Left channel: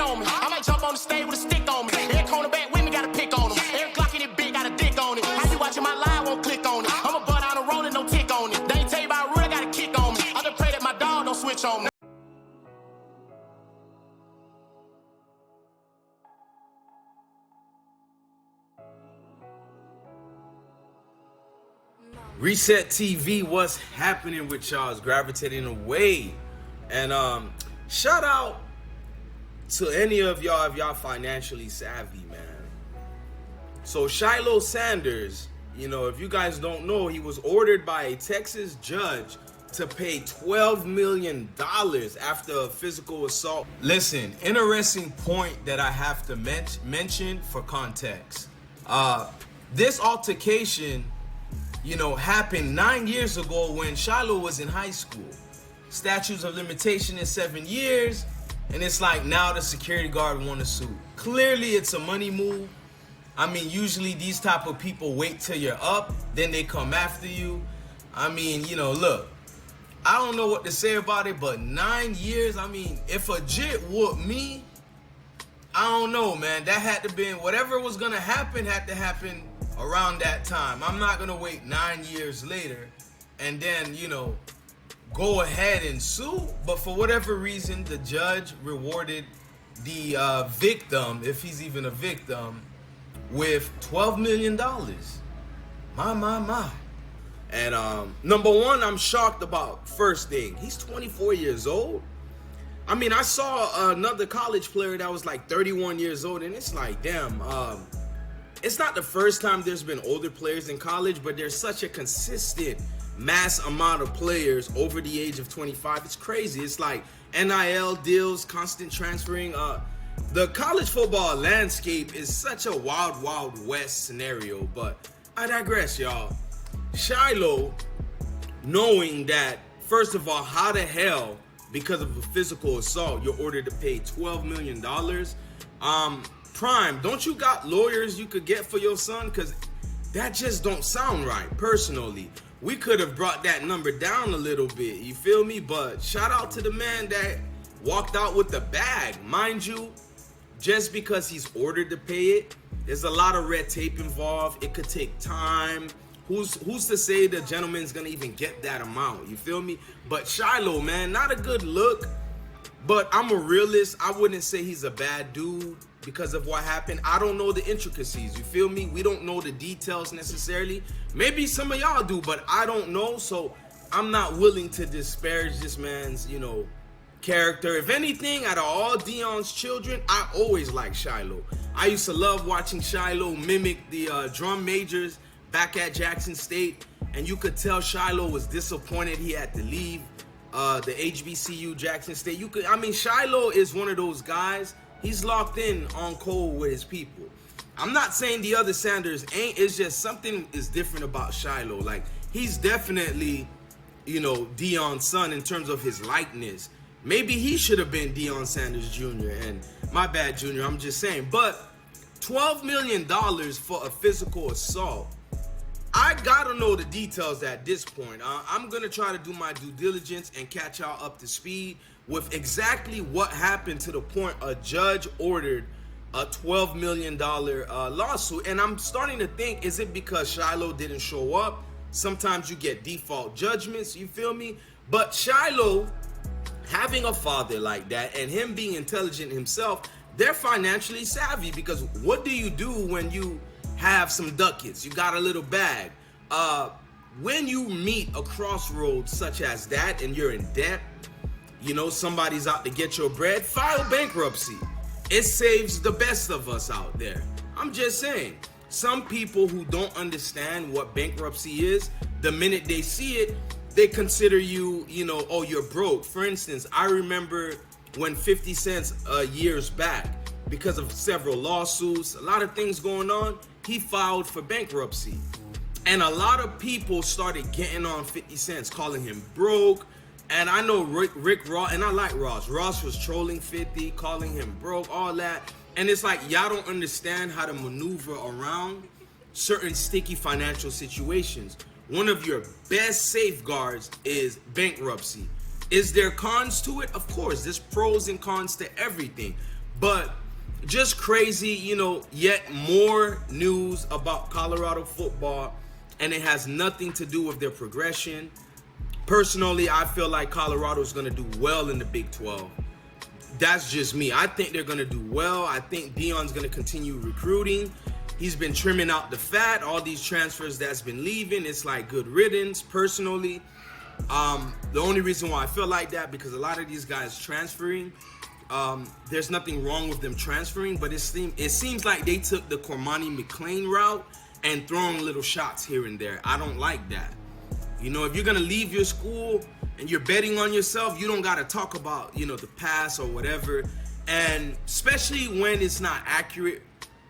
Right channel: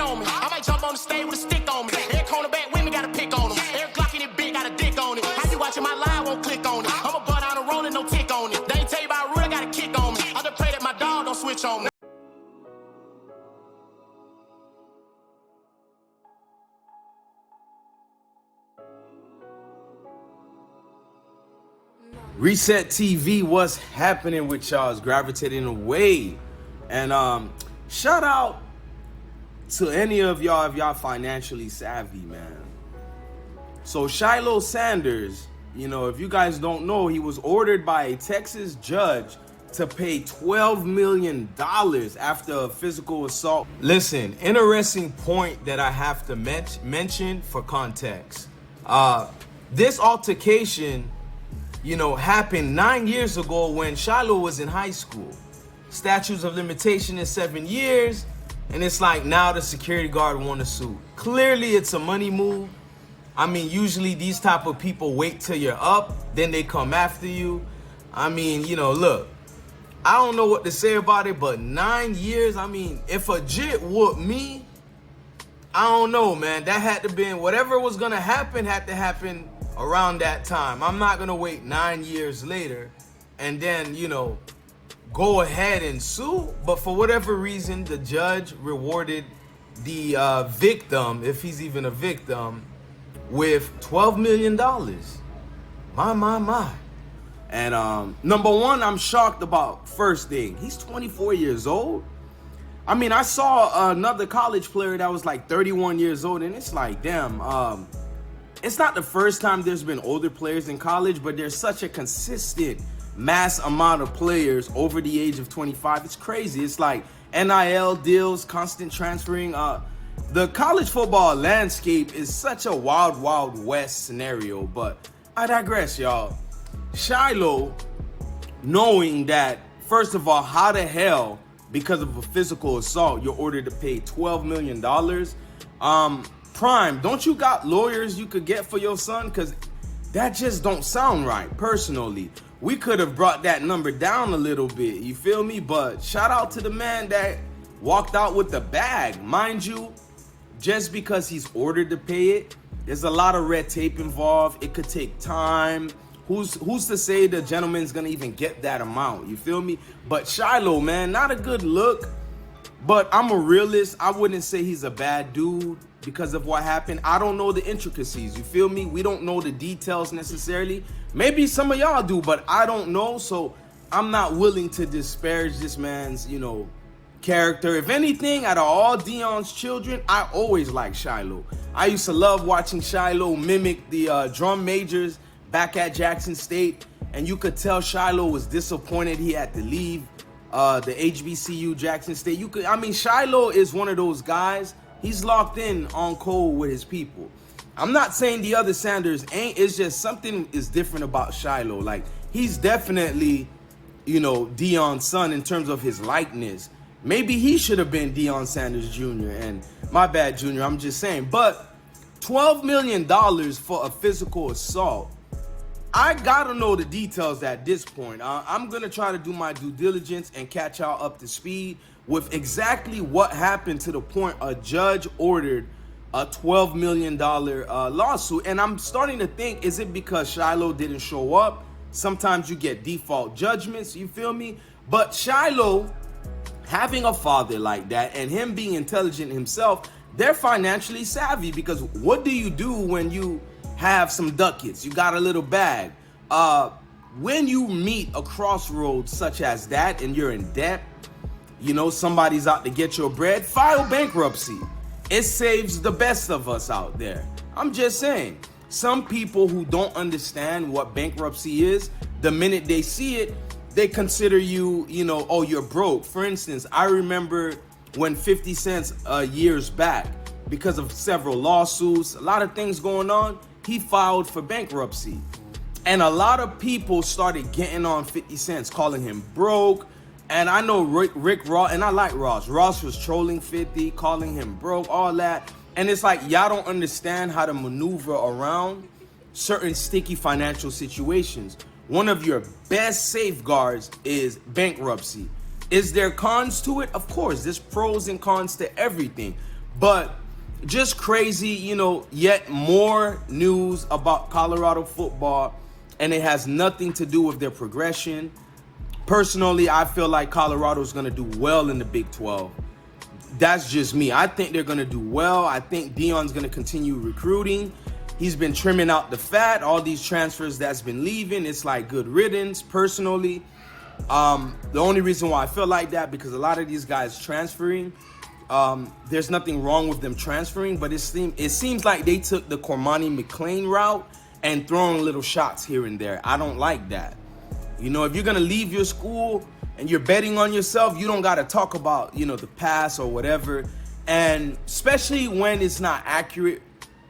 tat on me. I might jump on the stage with a stick on me. Every cornerback with me got a pick on him. Every Glock in it big got a dick on it. How you watching my live, won't click on it. I'm a butt on a rolling, no tick on it. They ain't tell you about root, I got a kick on me. I just pray that my dog don't switch on me. Reset TV, what's happening with y'all? Is gravitating away. And shout out to any of y'all if y'all financially savvy, man. So Shiloh Sanders, you know, if you guys don't know, he was ordered by a Texas judge to pay $12 million after a physical assault. Listen, interesting point that I have to mention for context. This altercation, you know, happened 9 years ago when Shilo was in high school. Statutes of limitation is 7 years, and it's like now the security guard want to sue. Clearly, it's a money move. I mean, usually these type of people wait till you're up, then they come after you. I mean, you know, look, I don't know what to say about it, but 9 years, I mean, if a jit whooped me, I don't know, man. That had to be, whatever was going to happen had to happen around that time. I'm not gonna wait 9 years later and then, you know, go ahead and sue. But for whatever reason, the judge rewarded the victim, if he's even a victim, with $12 million. My. And number one, I'm shocked about first thing. He's 24 years old. I mean, I saw another college player that was like 31 years old, and it's like, damn, it's not the first time there's been older players in college, but there's such a consistent mass amount of players over the age of 25. It's crazy. It's like NIL deals, constant transferring. The college football landscape is such a wild, wild west scenario, but I digress, y'all. Shiloh, knowing that, first of all, how the hell, because of a physical assault, you're ordered to pay $12 million? Prime, don't you got lawyers you could get for your son? Because that just don't sound right. Personally, we could have brought that number down a little bit, you feel me? But shout out to the man that walked out with the bag. Mind you, just because he's ordered to pay it, there's a lot of red tape involved. It could take time. Who's to say the gentleman's gonna even get that amount, you feel me? But Shiloh, man, not a good look. But I'm a realist. I wouldn't say he's a bad dude because of what happened. I don't know the intricacies, you feel me? We don't know the details necessarily. Maybe some of y'all do, but I don't know. So I'm not willing to disparage this man's, you know, character. If anything, out of all Deion's children, I always liked Shiloh. I used to love watching Shiloh mimic the drum majors back at Jackson State. And you could tell Shiloh was disappointed he had to leave the HBCU Jackson State. Shiloh is one of those guys. He's locked in on code with his people. I'm not saying the other Sanders ain't. It's just something is different about Shiloh. Like, he's definitely, you know, Deion's son in terms of his likeness. Maybe he should have been Deion Sanders Jr. And my bad, Jr. I'm just saying. But $12 million for a physical assault, I gotta know the details at this point. I'm gonna try to do my due diligence and catch y'all up to speed with exactly what happened to the point a judge ordered a $12 million lawsuit. And I'm starting to think, is it because Shiloh didn't show up? Sometimes you get default judgments, you feel me? But Shiloh, having a father like that and him being intelligent himself, they're financially savvy, because what do you do when you have some ducats? You got a little bag. When you meet a crossroads such as that and you're in debt, you know, somebody's out to get your bread, file bankruptcy. It saves the best of us out there. I'm just saying, some people who don't understand what bankruptcy is, the minute they see it, they consider you, you know, oh, you're broke. For instance, I remember when 50 Cent years back, because of several lawsuits, a lot of things going on, he filed for bankruptcy. And a lot of people started getting on 50 Cent, calling him broke. And I know Rick Ross, and I like Ross. Ross was trolling 50, calling him broke, all that. And it's like, y'all don't understand how to maneuver around certain sticky financial situations. One of your best safeguards is bankruptcy. Is there cons to it? Of course, there's pros and cons to everything. But just crazy, you know, yet more news about Colorado football, and it has nothing to do with their progression. Personally, I feel like Colorado's going to do well in the Big 12. That's just me. I think they're going to do well. I think Deion's going to continue recruiting. He's been trimming out the fat. All these transfers that's been leaving, it's like good riddance, personally. The only reason why I feel like that, because a lot of these guys transferring, there's nothing wrong with them transferring, but it seems like they took the Cormani McClain route and throwing little shots here and there. I don't like that. You know, if you're going to leave your school and you're betting on yourself, you don't got to talk about, you know, the past or whatever. And especially when it's not accurate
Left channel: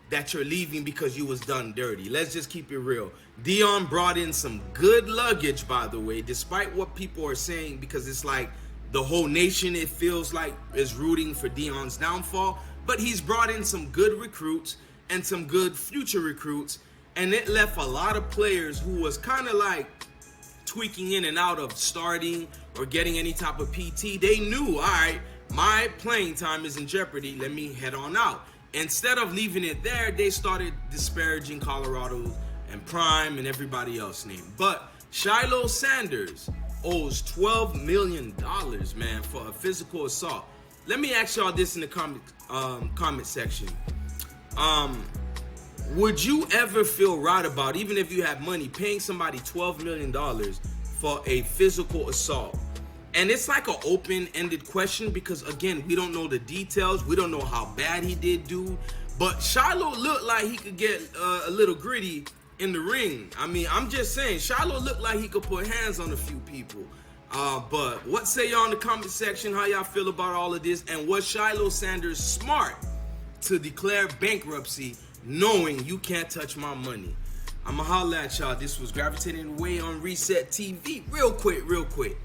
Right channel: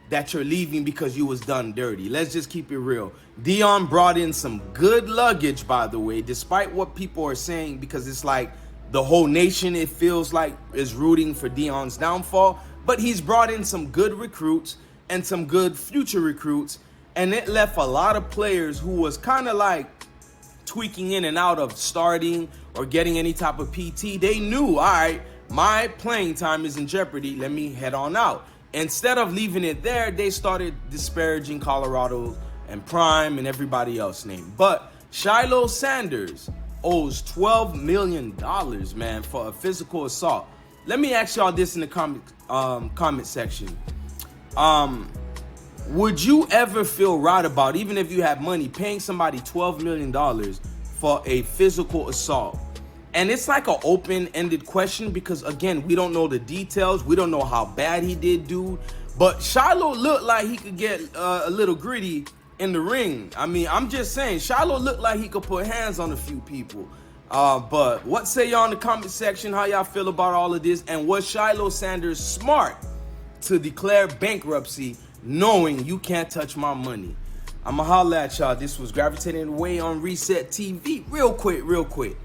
that you're leaving because you was done dirty. Let's just keep it real. Deion brought in some good luggage, by the way, despite what people are saying, because it's like the whole nation, it feels like, is rooting for Deion's downfall. But he's brought in some good recruits and some good future recruits. And it left a lot of players who was kind of like tweaking in and out of starting or getting any type of PT. They knew, all right, my playing time is in jeopardy. Let me head on out. Instead of leaving it there, they started disparaging Colorado and Prime and everybody else named. But Shiloh Sanders owes $12 million, man, for a physical assault. Let me ask y'all this in the comment section. Would you ever feel right about, even if you had money, paying somebody $12 million for a physical assault? And it's like an open-ended question because, again, we don't know the details. We don't know how bad he did, dude. But Shiloh looked like he could get a little gritty in the ring. I mean, I'm just saying, Shiloh looked like he could put hands on a few people. But what say y'all in the comment section? How y'all feel about all of this? And was Shiloh Sanders smart to declare bankruptcy knowing you can't touch my money? I'ma holla at y'all. This was Gravitating Away on Reset TV. Real quick.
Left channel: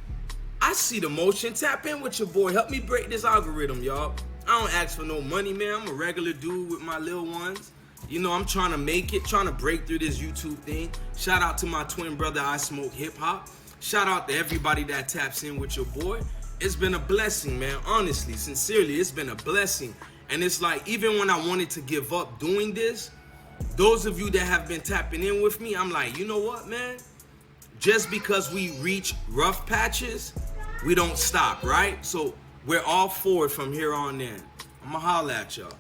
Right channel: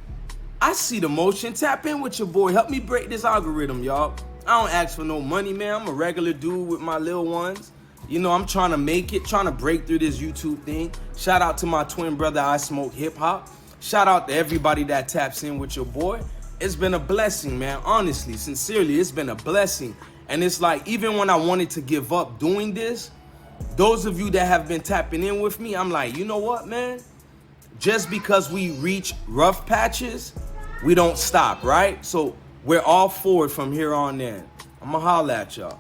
I see the motion. Tap in with your boy. Help me break this algorithm, y'all. I don't ask for no money, man. I'm a regular dude with my little ones. You know, I'm trying to make it, trying to break through this YouTube thing. Shout out to my twin brother, I Smoke Hip Hop. Shout out to everybody that taps in with your boy. It's been a blessing, man. Honestly, sincerely, it's been a blessing. And it's like, even when I wanted to give up doing this, those of you that have been tapping in with me, I'm like, you know what, man? Just because we reach rough patches, we don't stop, right? So we're all forward from here on in. I'ma holla at y'all.